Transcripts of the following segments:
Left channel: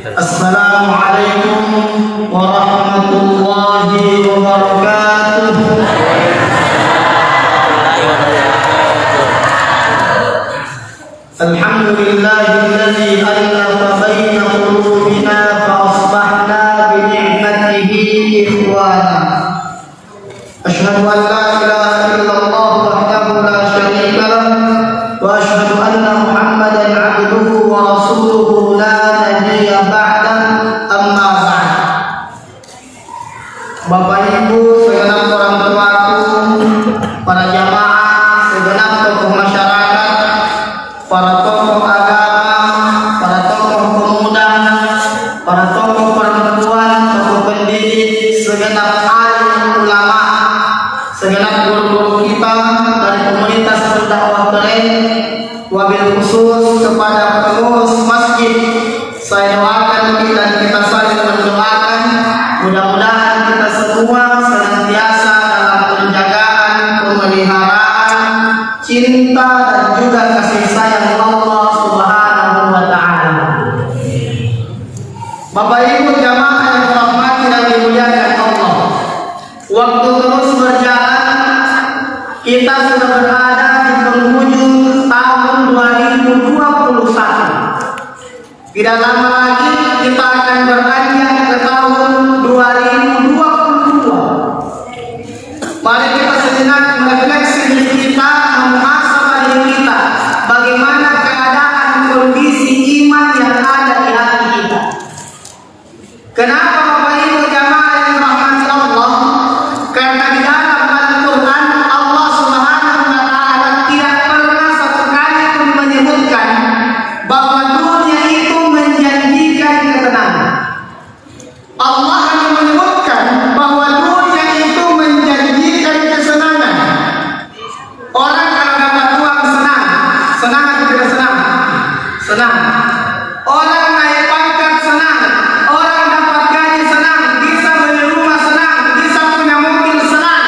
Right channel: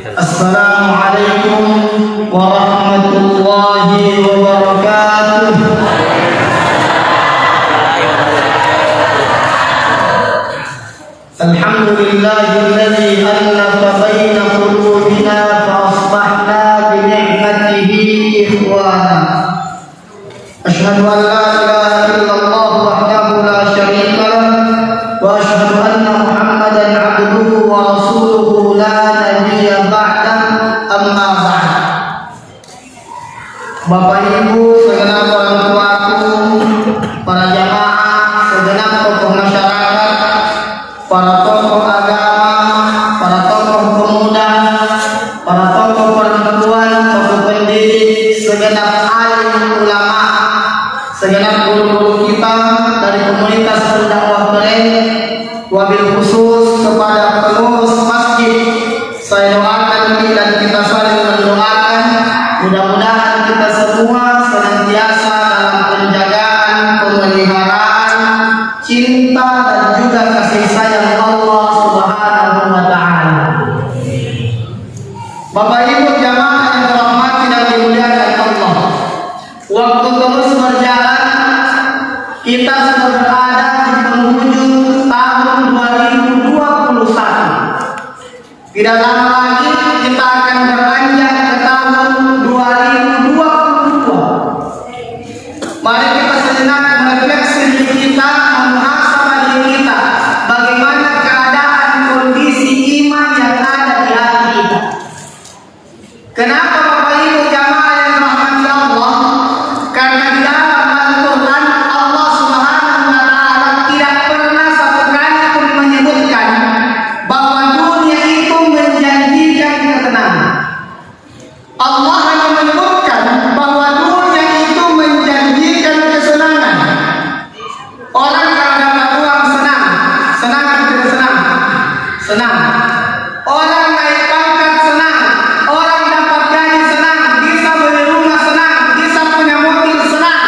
Assalamualaikum warahmatullahi wabarakatuh. Alhamdulillahilladzi allafa baina qulubina fa asbahna bi ni'matihi ikhwana. Asyhadu an la ilaha illallah wahdahu la syarika lah wa asyhadu anna Muhammadan 'abduhu wa rasuluhu la nabiyya ba'da, amma ba'd. Bapak Ibu, segenap orang tuaku, para jamaah, segenap tokoh masyarakat, para tokoh agama, para tokoh pemuda, para tokoh perempuan, tokoh pendidik, segenap alim ulama, segenap guru-guru kita dari komunitas berdakwah Beren, wabil khusus kepada pengurus masjid, saya doakan dan kita saling mendoakan, mudah-mudahan kita semua senantiasa dalam penjagaan, pemeliharaan, cinta dan juga kasih sayang Allah Subhanahu wa taala. Bapak Ibu jamaah yang dirahmati dan dimuliakan Allah, waktu terus berjalan, kita sudah berada di penghujung tahun 2021. Tidak lama lagi kita akan beranjak ke tahun 2022. Mari kita sejenak merefleksi diri kita, muhasabah diri kita, bagaimana keadaan kondisi iman yang ada di hati kita. Kenapa Bapak Ibu jamaah yang dirahmati Allah? Karena di dalam Al-Quran Allah Subhanahu wa taala tidak pernah satu kali pun menyebutkan bahwa dunia itu menjanjikan ketenangan. Allah hanya menyebutkan bahwa dunia itu menjanjikan kesenangan. Orang kalau dapat uang senang, senang atau tidak senang? Senang. Orang naik pangkat senang, orang dapat gaji senang, bisa beli rumah senang, bisa punya mobil senang,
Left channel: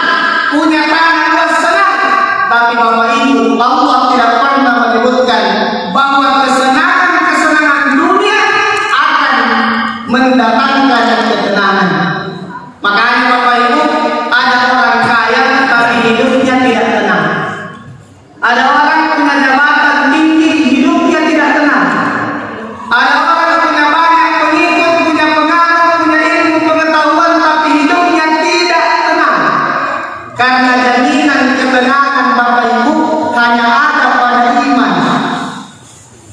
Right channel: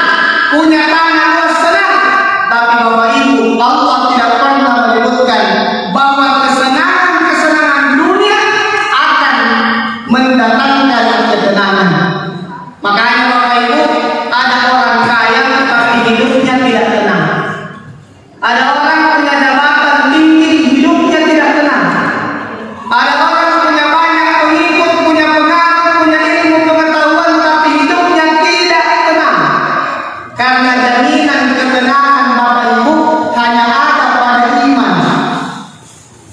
punya tanah luas senang. Tapi Bapak Ibu, Allah tidak pernah menyebutkan bahwa kesenangan dunia akan mendatangkan ketenangan. Makanya Bapak Ibu, ada orang kaya tapi hidupnya tidak tenang. Ada orang punya jabatan tinggi, hidupnya tidak tenang. Ada orang punya banyak pengikut, punya pengaruh, punya ilmu pengetahuan, tapi hidupnya tidak tenang. Karena jaminan ketenangan Bapak Ibu hanya ada pada iman.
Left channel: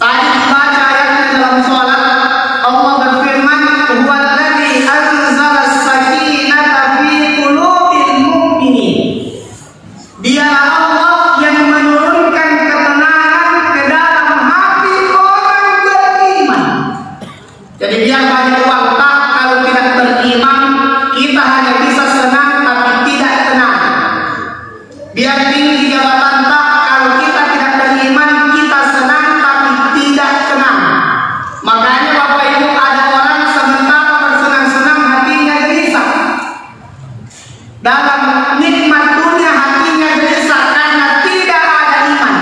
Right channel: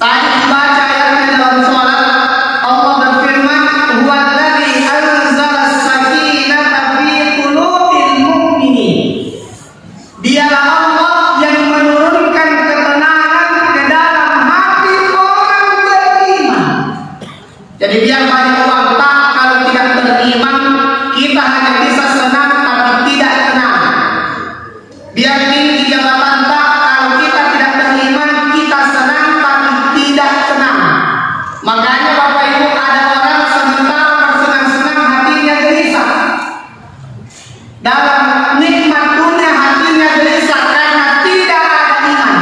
Tadi dibaca ayatnya dalam sholat, Allah berfirman, "Huwallazi anzala as-sakinata fi qulubil mu'minin." Dialah Allah yang menurunkan ketenangan ke dalam hati orang beriman. Jadi biar banyak uang tak, kalau tidak beriman kita hanya bisa senang tapi tidak tenang. Biar tinggi jabatan tak, kalau kita tidak beriman kita senang tapi tidak tenang. Makanya Bapak Ibu, ada orang sementara bersenang-senang hatinya gelisah. Dalam nikmat dunia hatinya gelisah karena tidak ada iman.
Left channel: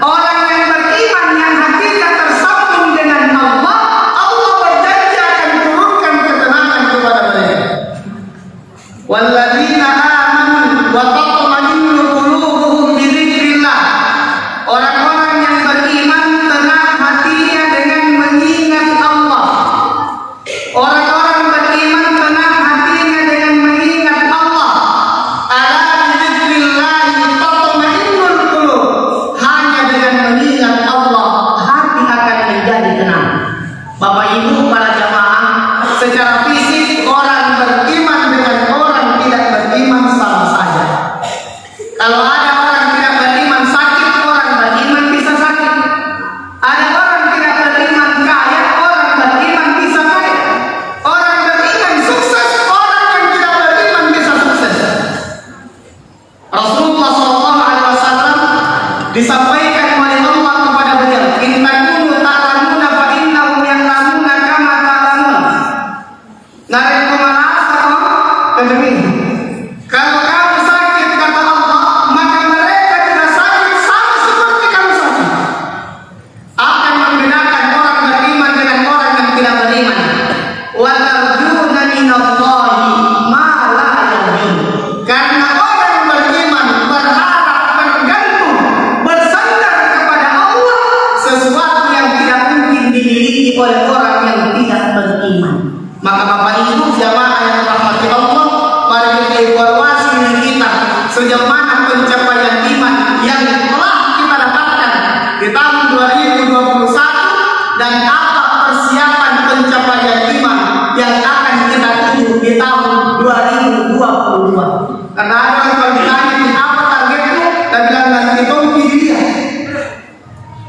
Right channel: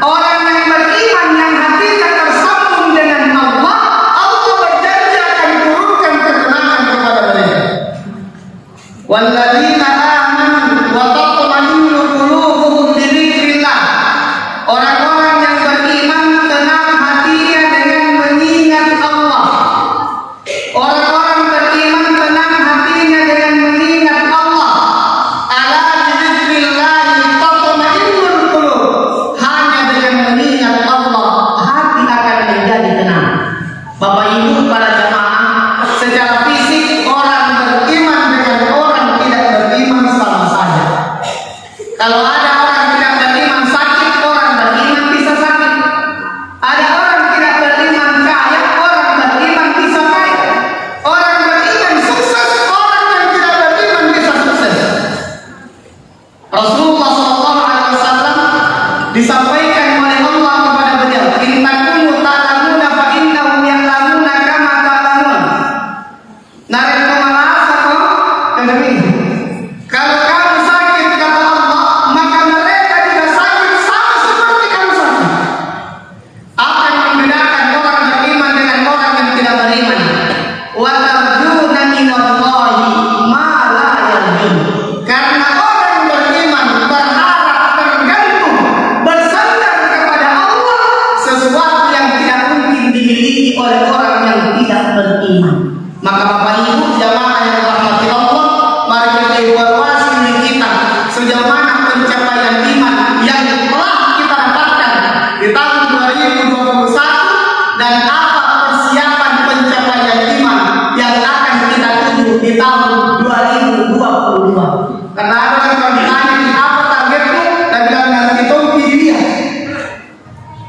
Orang yang beriman yang hatinya tersambung dengan Allah, Allah berjanji akan turunkan ketenangan kepada mereka. Walladzina amanu wa tatma'innu qulubuhum bi dzikrillah. Orang-orang yang beriman tenang hatinya dengan mengingat Allah. Orang-orang beriman tenang hatinya dengan mengingat Allah. Ala bi dzikrillah tatma'innul qulub. Hanya dengan mengingat Allah hati akan menjadi tenang. Bapak Ibu para jamaah, secara fisik orang beriman dengan orang tidak beriman sama saja. Kalau ada orang tidak beriman sakit, orang beriman bisa sakit. Ada orang tidak beriman kaya, orang beriman bisa kaya. Orang beriman sukses, orang yang tidak beriman bisa sukses. Rasulullah SAW disampaikan oleh Allah kepada beliau, "In takunu ta'lamuna fa innahum ya'lamuna kama ta'lamun." Narik kemalasa kok kedemi. Kalau kamu sakit kata Allah, maka mereka juga sakit sama seperti kamu sakit. Apa yang membedakan orang beriman dengan orang yang tidak beriman? sejauh mana pencapaian iman yang telah kita dapatkan di tahun 2021 dan apa persiapan pencapaian iman yang akan kita tuju di tahun 2022. Karena ada yang ditanya apa targetmu, dan bilang nanti tompi dia.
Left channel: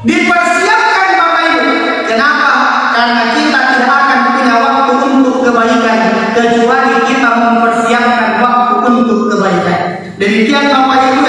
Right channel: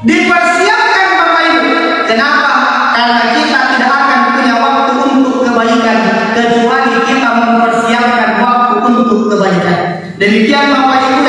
Dipersiapkan Bapak Ibu. Kenapa? Karena kita tidak akan punya waktu untuk kebaikan kecuali kita mempersiapkan waktu untuk kebaikan. Demikian Bapak Ibu